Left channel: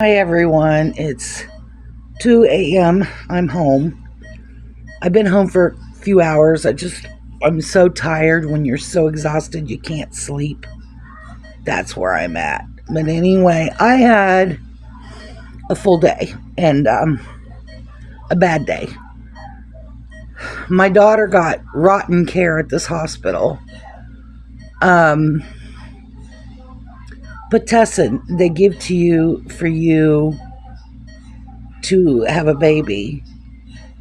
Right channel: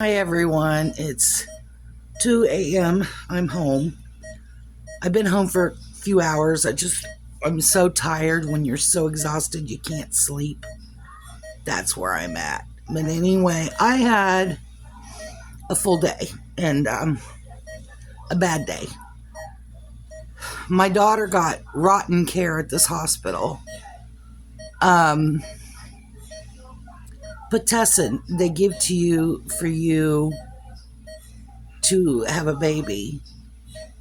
Hi everyone, it's 2 a.m. I'm home. I've been home for a few hours. I'm so tired. When you're so exhausted you can't sleep. That's where I'm at. But anyway, I had a full day and a bad day. My daughter got rotten care at this hospital. Um, Pitocin they give to you for you to have a baby,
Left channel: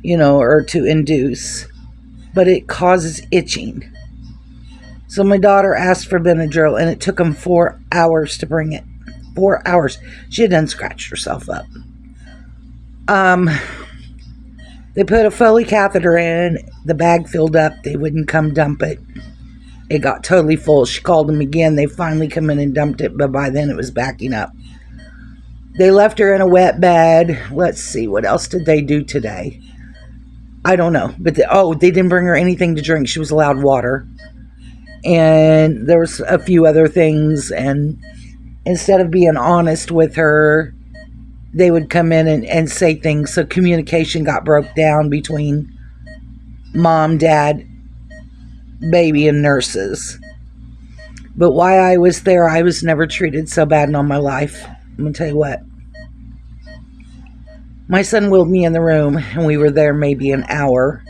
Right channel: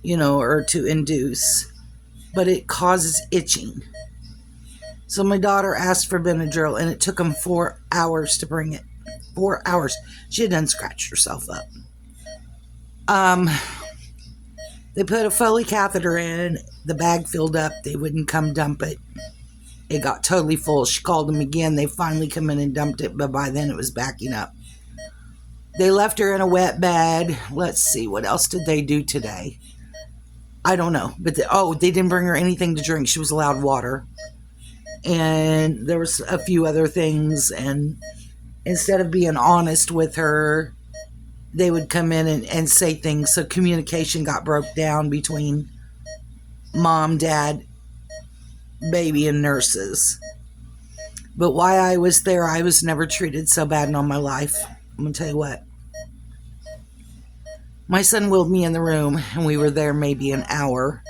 or to induce, but it causes itching. So my daughter asked for Benadryl, and it took them 4 hours to bring it. 4 hours. She had done scratched herself up. Um, they put a Foley catheter in. The bag filled up. They wouldn't come dump it. It got totally full. She called them again. They finally come in and dumped it, but by then it was backing up. They left her in a wet bed. Let's see, what else did they do today? I don't know. But they didn't bring her anything to drink. She was allowed water. And there was a few other things, and instead of being honest with her, they would come in and say things. So communication got broke down between mom, dad, baby, and nurses. But while I was there, I was never treated so bad in all my life. I'm going to tell you what. My son wheeled me in the room, and we were there maybe an hour.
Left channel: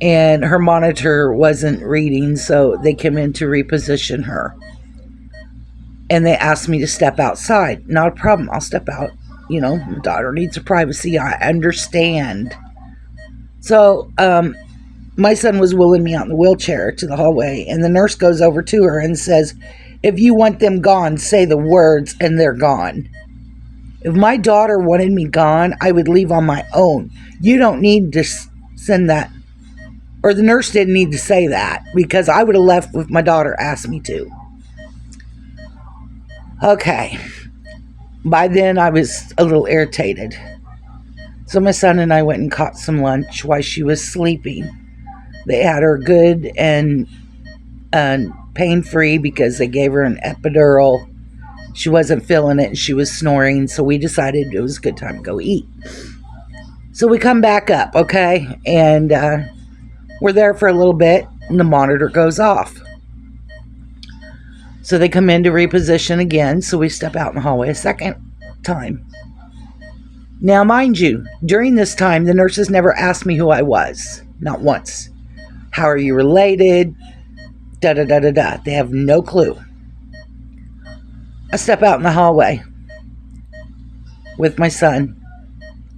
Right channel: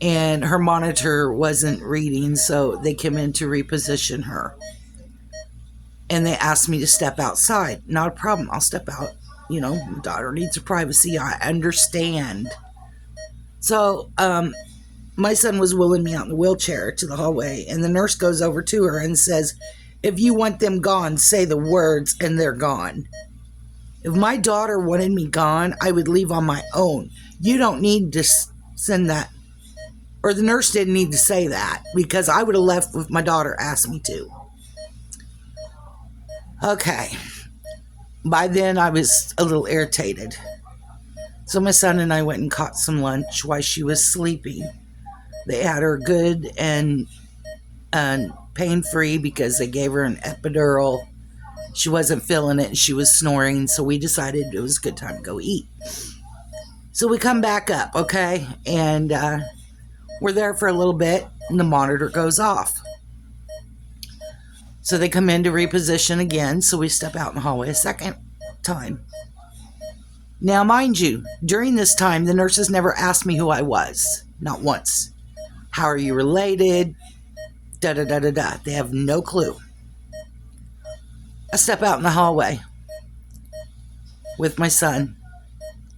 And her monitor wasn't reading, so they came in to reposition her. And they asked me to step outside. Not a problem. I'll step out. My daughter needs her privacy. I understand. So, my son was wheeling me out in the wheelchair to the hallway, and the nurse goes over to her and says, "If you want them gone, say the words and they're gone." If my daughter wanted me gone, I would leave on my own. You don't need to send that. Or the nurse didn't need to say that, because I would have left if my daughter asked me to. Okay. By then, I was a little irritated. So my son and I went and caught some lunch while she was sleeping. They had her good and pain-free because they gave her an epidural. She wasn't feeling it and she was snoring, so we decided it was a good time to go eat. So we come back up, okay? And we're there for a little bit, and the monitor goes off. So they come in to reposition again, so we step out in the hallway a second time. Now, mind you, during this time, the nurses never asked me who I was. Not once. How are you related? Da-da-da-da-da. They have no clue. I step out in the hallway with my son.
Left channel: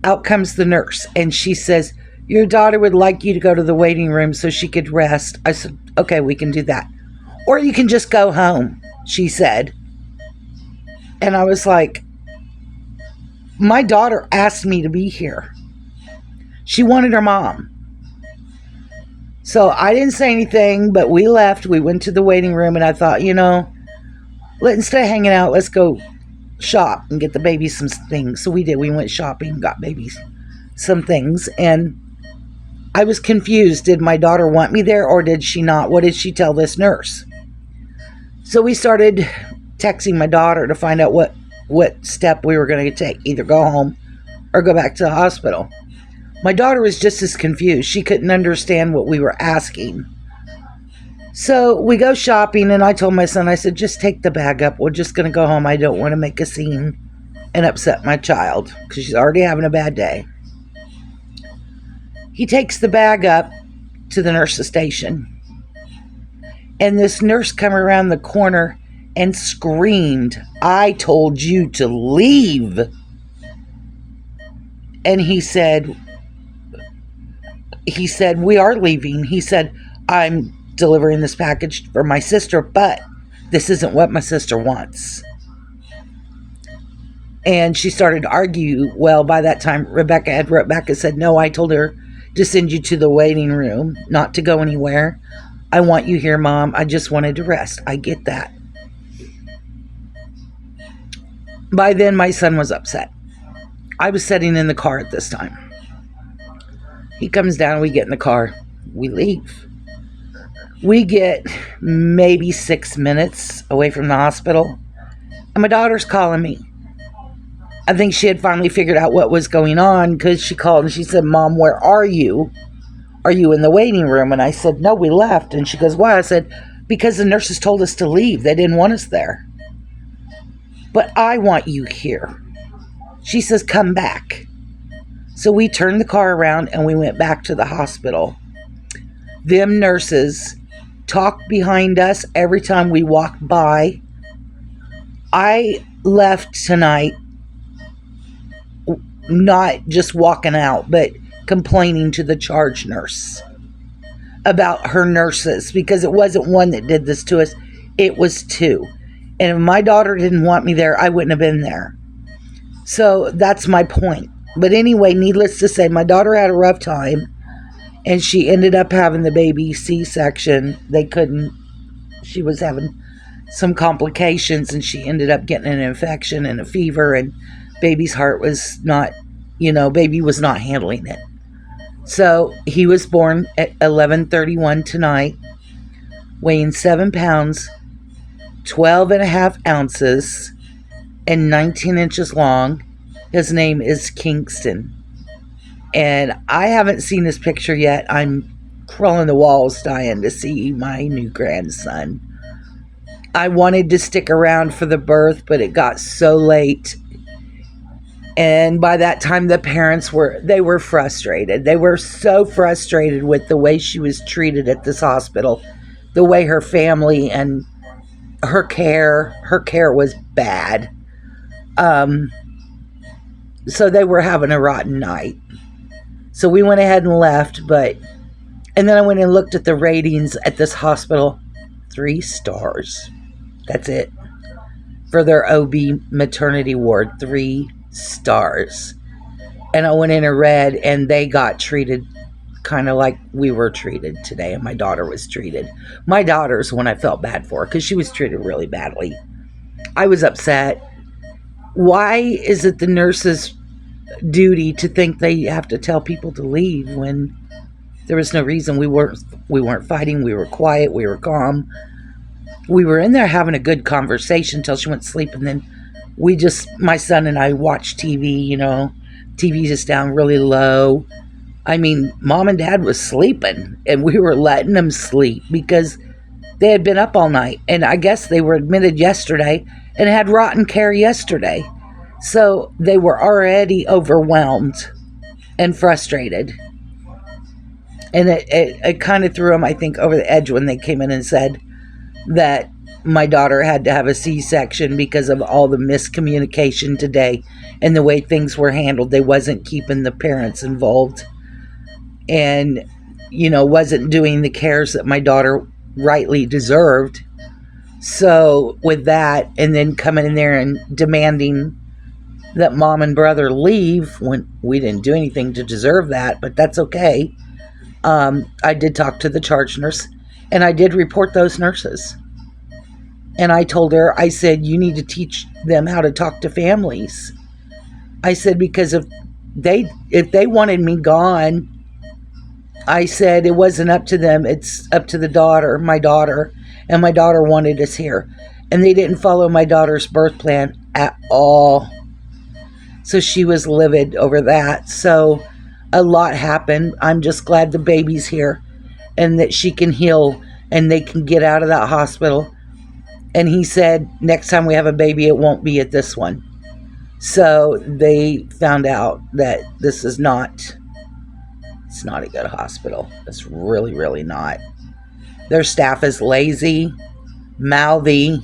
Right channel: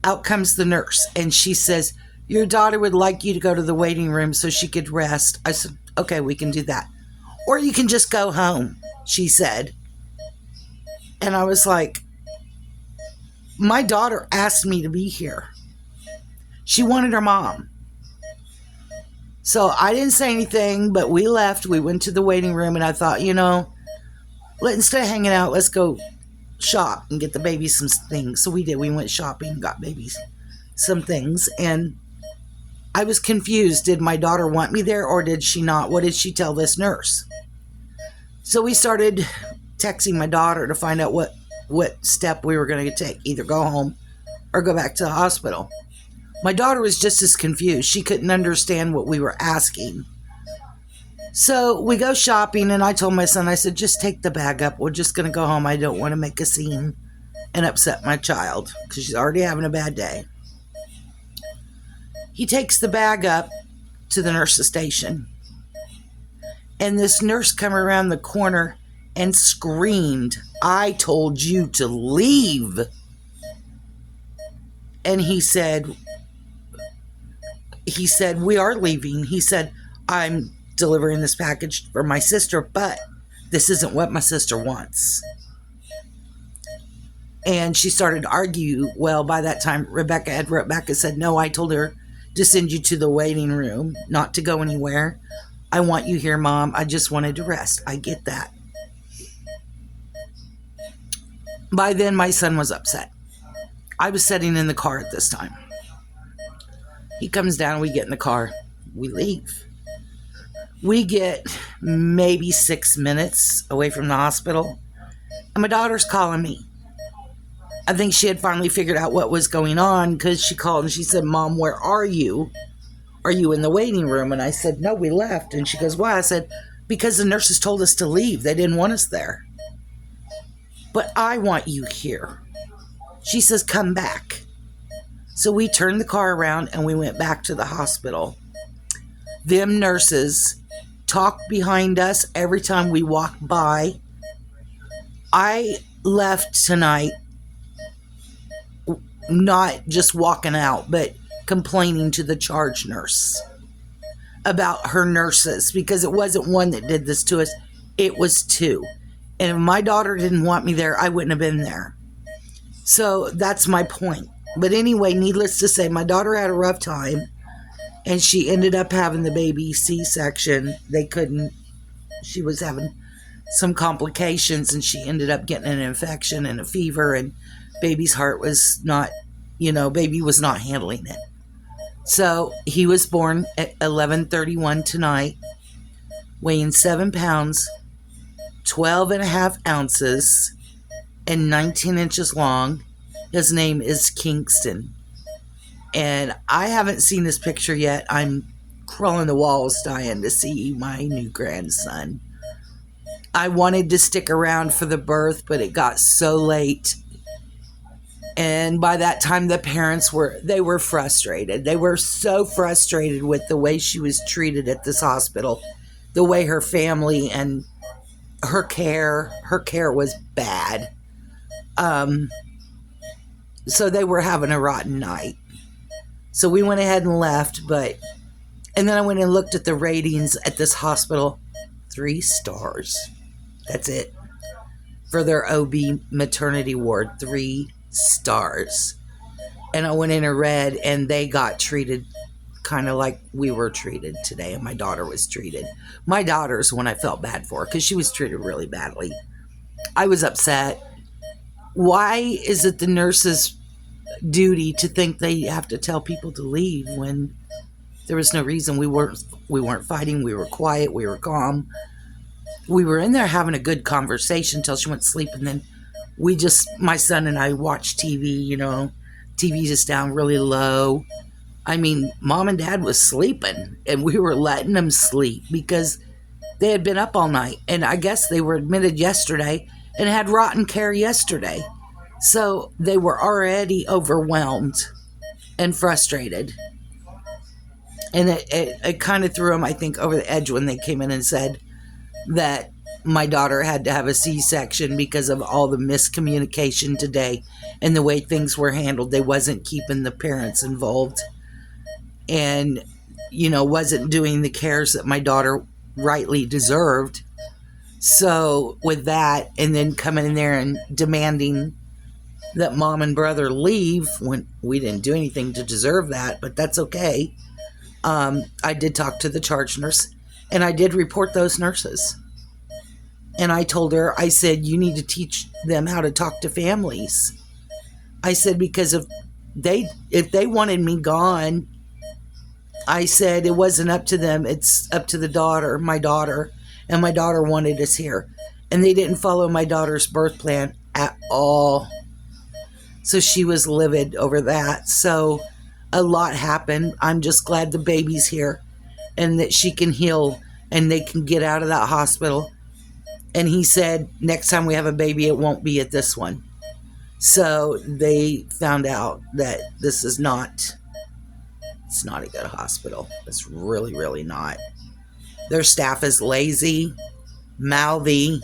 Out comes the nurse, and she says, "Your daughter would like you to go to the waiting room so she could rest." I said, "Okay, we can do that. Or you can just go home," she said. And I was like, my daughter asked me to be here. She wanted her mom. So I didn't say anything, but we left. We went to the waiting room, and I thought, instead of hanging out, let's go shop and get the baby some things. So we did. We went shopping, got babies some things, and I was confused. Did my daughter want me there, or did she not? What did she tell this nurse? So we started texting my daughter to find out what step we were going to take. Either go home or go back to the hospital. My daughter was just as confused. She couldn't understand what we were asking. So we go shopping, and I told my son, I said, "Just take the bag up. We're just going to go home. I don't want to make a scene and upset my child because she's already having a bad day." He takes the bag up to the nurse's station, and this nurse came around the corner and screamed, "I told you to leave." And he said, "We are leaving." He said, "I'm delivering this package for my sister, but this isn't what my sister wants." And she started to argue. Well, by that time, Rebecca said, "No, I told her to send you to the waiting room, not to go anywhere. I want you here, Mom. I just wanted to rest." I get that. By then, my son was upset. I was sitting in the car at this time. He comes down, we get in the car, we leave. We get maybe 6 minutes away from the hospital, and my daughter's calling me. I think she had finally figured out what was going on because she called and she said, Mom, where are you? Are you in the waiting room? And I said, no, we left. And she goes, why? I said, because the nurses told us to leave. They didn't want us there. But I want you here. She says, come back. So we turned the car around and we went back to the hospital. Them nurses talked behind us every time we walked by. I left tonight not just walking out, but complaining to the charge nurse about her nurses, because it wasn't one that did this to us, it was two. And if my daughter didn't want me there, I wouldn't have been there. So that's my point. But anyway, needless to say, my daughter had a rough time and she ended up having the baby C-section. She was having some complications and she ended up getting an infection and a fever, and baby's heart was not, baby was not handling it. So he was born at 11:31 tonight, weighing 7 pounds, 12 and a half ounces, and 19 inches long. His name is Kingston. And I haven't seen his picture yet. I'm crawling the walls dying to see my new grandson. I wanted to stick around for the birth, but it got so late. And by that time, the parents were frustrated. They were so frustrated with the way she was treated at this hospital, the way her family and her care was bad. So they were having a rotten night. So we went ahead and left, and then I went and looked at the ratings at this hospital. 3 stars. That's it. For their OB maternity ward, 3 stars. And I went in and read, and they got treated kind of like we were treated today, and my daughter was treated. My daughter's the one I felt bad for because she was treated really badly. I was upset. Why is it the nurse's duty to think they have to tell people to leave when there was no reason? We weren't fighting. We were quiet. We were calm. We were in there having a good conversation until she went to sleep, and then my son and I watched TV. TV's just down really low. I mean, Mom and Dad was sleeping, and we were letting them sleep because they had been up all night, and I guess they were admitted yesterday and had rotten care yesterday. So they were already overwhelmed and frustrated. And it kind of threw them, I think, over the edge when they came in and said that my daughter had to have a C-section because of all the miscommunication today and the way things were handled. They wasn't keeping the parents involved and, wasn't doing the cares that my daughter rightly deserved. So with that, and then coming in there and demanding that Mom and brother leave when we didn't do anything to deserve that, but that's okay. I did talk to the charge nurse, and I did report those nurses. And I told her, I said, you need to teach them how to talk to families. I said, because if they wanted me gone, I said it wasn't up to them. It's up to my daughter, and my daughter wanted us here. And they didn't follow my daughter's birth plan at all. So she was livid over that. So a lot happened. I'm just glad the baby's here and that she can heal and they can get out of that hospital. And he said, next time we have a baby, it won't be at this one. So they found out that it's not a good hospital. It's really, really not. Their staff is lazy, mouthy.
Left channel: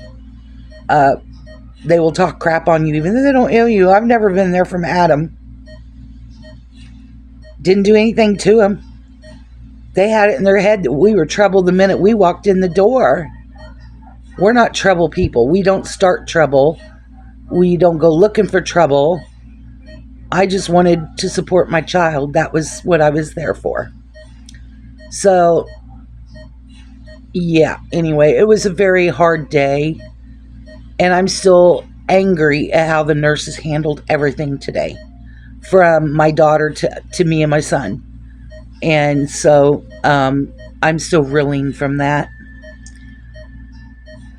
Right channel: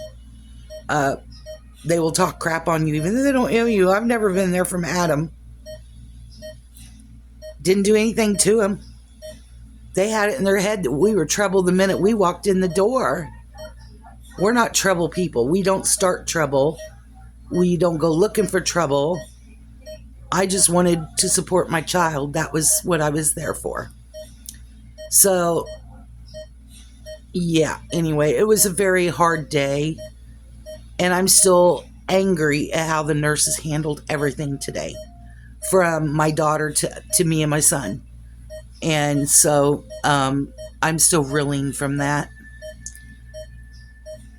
They will talk crap on you even though they don't know you. I've never been there from Adam. Didn't do anything to him. They had it in their head that we were trouble the minute we walked in the door. We're not trouble people. We don't start trouble. We don't go looking for trouble. I just wanted to support my child. That was what I was there for. So, yeah. Anyway, it was a very hard day. And I'm still angry at how the nurses handled everything today. From my daughter to me and my son. And so, I'm still reeling from that.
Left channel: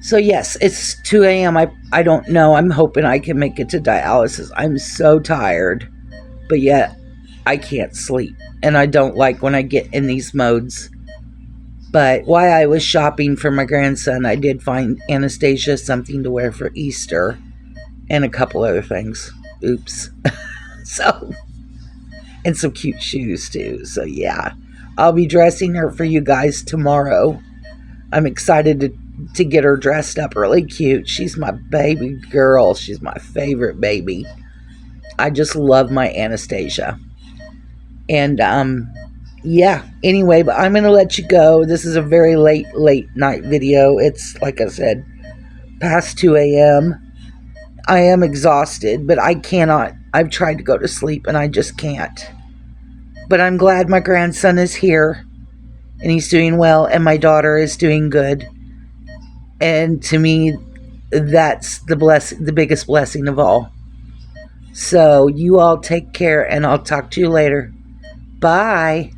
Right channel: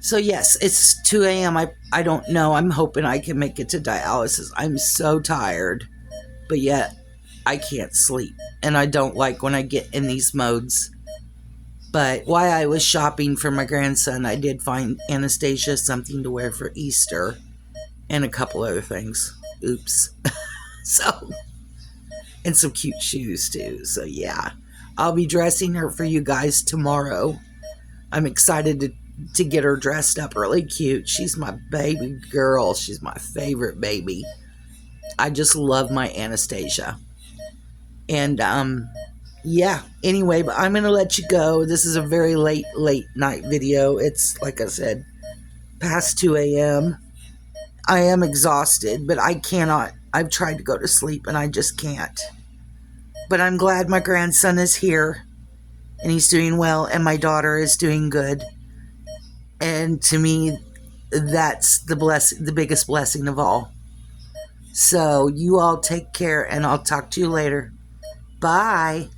So yes, it's 2 a.m. I don't know. I'm hoping I can make it to dialysis. I'm so tired, but yet I can't sleep. And I don't like when I get in these modes. But while I was shopping for my grandson, I did find Anastasia something to wear for Easter and a couple other things. Oops. So, and some cute shoes too. So, yeah, I'll be dressing her for you guys tomorrow. I'm excited to get her dressed up really cute. She's my baby girl. She's my favorite baby. I just love my Anastasia. And yeah, anyway, but I'm going to let you go. This is a very late night video. It's, like I said, past 2 a.m. I am exhausted, but I cannot. I've tried to go to sleep and I just can't. But I'm glad my grandson is here and he's doing well and my daughter is doing good. And to me, that's the biggest blessing of all. So you all take care and I'll talk to you later. Bye.